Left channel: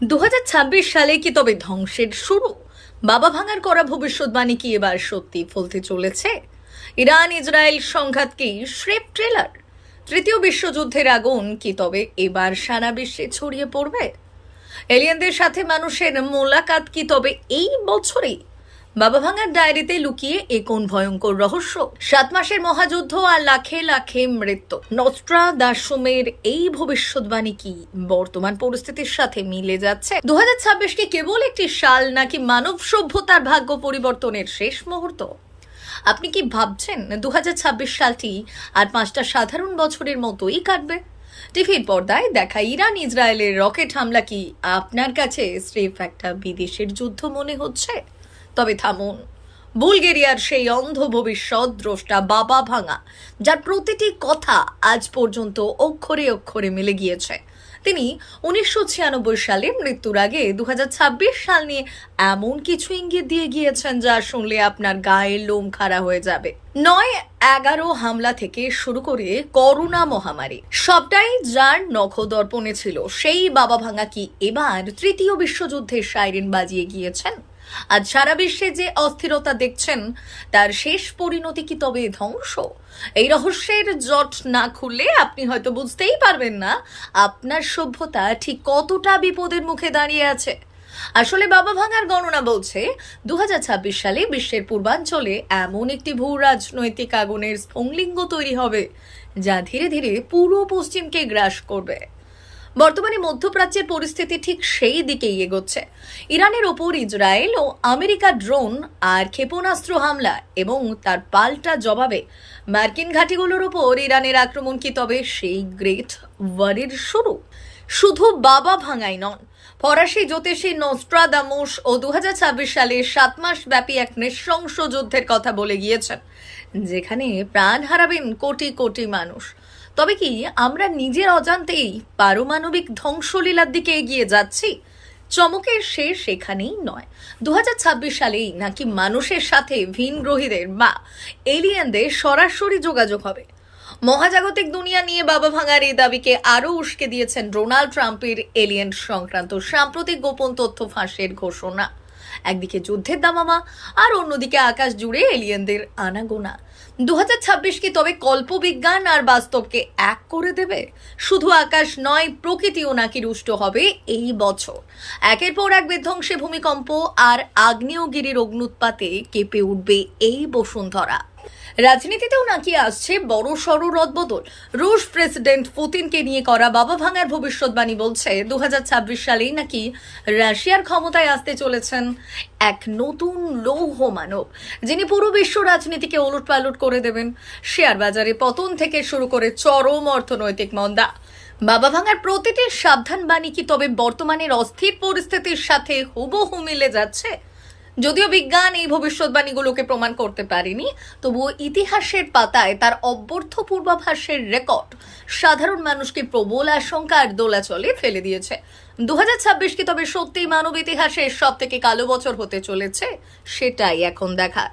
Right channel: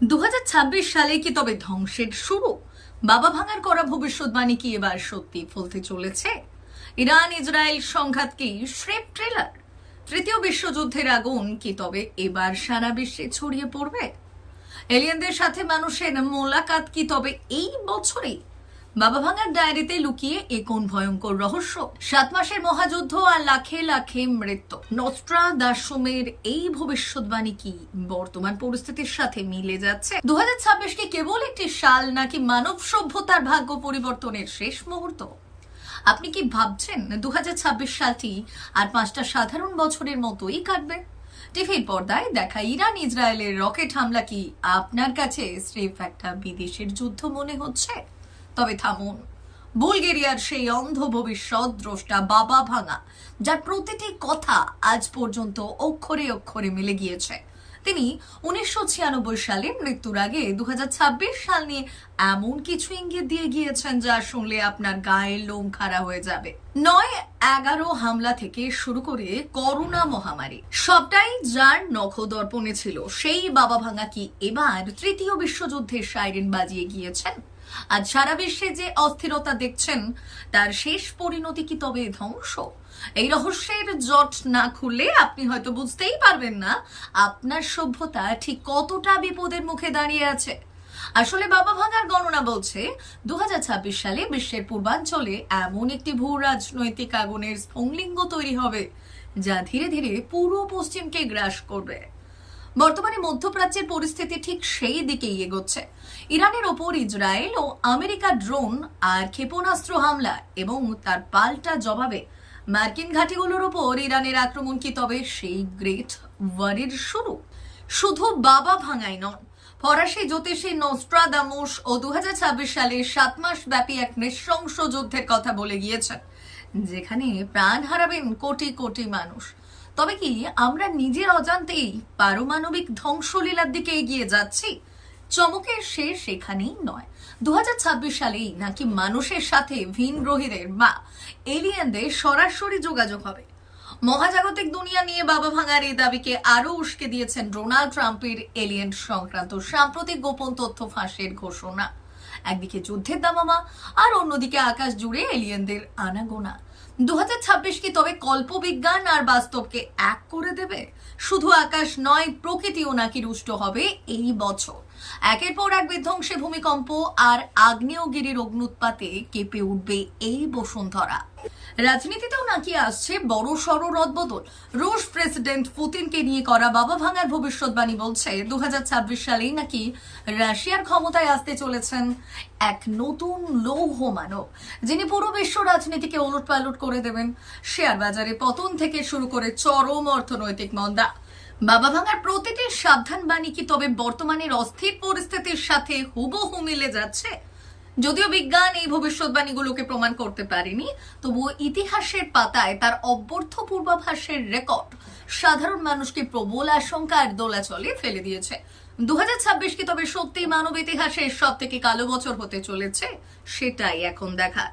2026 সালে কি তবে ধ্বংসের শুরু? বাবা ভাঙার করা ভবিষ্যৎবাণী কি এবার সত্যি ফলতে চলেছে? ইরান ইসরায়েল সংঘাত কি স্রেফ ট্রেলার? তৃতীয় বিশ্বযুদ্ধের আগুন কি তবে এবার সারা বিশ্বে ছড়িয়ে পড়বে? এলিয়েনদের সাথে মানুষের মোলাকাত কি তবে এই বছরেই? বাবা ভাঙার ডায়েরিতে লুকিয়ে এ কোন ভয়ঙ্কর রহস্য? 7 মাসের মহাযুদ্ধ আর লাখে লাখে মৃত্যু, নস্ট্রাদামসের এই ভবিষ্যৎবাণী কি বর্তমান পরিস্থিতির সাথে মিলে যাচ্ছে? 2026 কি কেবল একটি সাল, নাকি মানব সভ্যতার ভাগ্য পরিবর্তনের শেষ মুহূর্ত? আপনি কি ভাবছেন 2026 সালটি আর 5টা সাধারণ বছরের মতোই কাটবে? টিভির পর্দায় দেখা ইরান ইসরায়েলের রকেট হামলা কি আপনার কাছে স্রেফ একটা বিদেশের যুদ্ধ মনে হচ্ছে? তবে থামুন, বুলগেরিয়ার সেই অন্ধ ভবিষ্যৎ দ্রষ্টা বাবা ভাঙা, যার প্রতিটি কথা আজ পর্যন্ত অক্ষরে অক্ষরে মিলে গিয়েছে, তিনি 1996 সালে মৃত্যুর আগে 2026 সাল নিয়ে এমন কিছু ইঙ্গিত দিয়ে গিয়েছেন যা শুনলে আপনার গায়ের লোম খাড়া হয়ে যাবে। 9/11 হামলা থেকে শুরু করে করোনা মহামারী, সবটাই যার নখদর্পণে ছিল। সেই বাবা ভাঙা কি এবার তৃতীয় বিশ্বযুদ্ধের সাইরেন বাজিয়ে গিয়েছেন? আজ সারা বিশ্বে যে অস্থিরতা দেখছেন, তার শেষ পরিণতি কি তবে ধ্বংস? এই রহস্যের জট না খুললে আপনি হয়তো বুঝতেই পারবেন না আপনার সভ্যতা ঠিক কতটা বিপদের মুখে দাঁড়িয়ে আছে। আসলে বাবা ভাঙার গণনা বলছে 2026 সালে বিশ্বের পূর্বাঞ্চলে এমন একটি ভূ রাজনৈতিক আগুনের স্ফুলিঙ্গ তৈরি হবে, যা ধীরে ধীরে পুরো পশ্চিমকে গ্রাস করবে। বর্তমানে মধ্যপ্রাচ্যের পরিস্থিতি ঠিক সেই দিকেই এগোচ্ছে। ইরানের ওপর ইসরায়েল ও আমেরিকার ড্রোন আর ক্ষেপণাস্ত্র হামলা এবং তার পাল্টা জবাবে মার্কিন ঘাঁটিগুলোর ওপর ইরানের আক্রমণ কি তবে সেই গ্রেট ওয়ারের শুরু? শুধু বাবা ভাঙাই নন, ফরাসি জ্যোতিষী নস্ট্রাদামস ও 2026 সালে 7 মাস ব্যাপী এক নৃশংস যুদ্ধের কথা বলে গিয়েছেন, যেখানে প্রাণ হারাবেন কোটি কোটি মানুষ। তবে কি আমরা নিজের অজান্তেই পারমাণবিক ধ্বংসলীলার দিকে এগিয়ে যাচ্ছি? চমকের শেষ এখানেই নয়। 2026 সালেই নাকি মানুষের সাথে ভিনগ্রহীদের বা এলিয়েনদের সরাসরি যোগাযোগ হবে। মহাজাগতিক দুনিয়া নিয়ে বাবা ভাঙার এই দাবিকে আরো উস্কে দিয়েছেন ডোনাল্ড ট্রাম্পের এলিয়েন সংক্রান্ত সাম্প্রতিক গোপন তথ্য ফাঁসের ঘোষণা। একদিকে যুদ্ধের দামামা, আর অন্যদিকে আকাশ জুড়ে এলিয়েনদের আনাগোনা। 2026 কি তবে কল্পবিজ্ঞান আর বাস্তবকে এক করে দেবে? শুধু আকাশ নয়, প্রকৃতিও নাকি রুষ্ট হবে এই বছর। একের পর এক বিধ্বংসী ভূমিকম্প আর আগ্নেয়গিরির অগ্নুৎপাতে কেঁপে উঠবে এই বসুন্ধরা। রাজনীতিতেও নাকি আসছে বড় সড় রদবদল। রুশ প্রেসিডেন্ট পুতিনকে নিয়ে করা বাবা ভাঙার ভবিষ্যৎবাণী বলছে 2026 সালেই নাকি রাশিয়ার ক্ষমতায় আসতে চলেছেন এক নতুন লৌহ মানব, যিনি পুরো বিশ্ব রাজনীতিকে ওলটপালট করে দেবেন। শেয়ার বাজারে পতন থেকে শুরু করে চরম অর্থনৈতিক মন্দা। বাবা ভাঙার প্রতিটি সাবধান বাণী কি তবে বর্তমানের অস্থির পরিস্থিতির সাথে হুবহু মিলে যাচ্ছে? যদিও বিজ্ঞান এই ভবিষ্যৎবাণীগুলোকে প্রমাণ করতে পারেনি, তবুও ইতিহাসের পাতায় তার অব্যর্থ পূর্বাভাসের রেকর্ড সাধারণ মানুষকে প্রবল আশঙ্কার দোলাচলে ফেলে দিয়েছে। 2026 কি তবে সত্যি মানব ইতিহাসের সব থেকে কালো বছর হতে চলেছে? সেটাই এখন দেখার।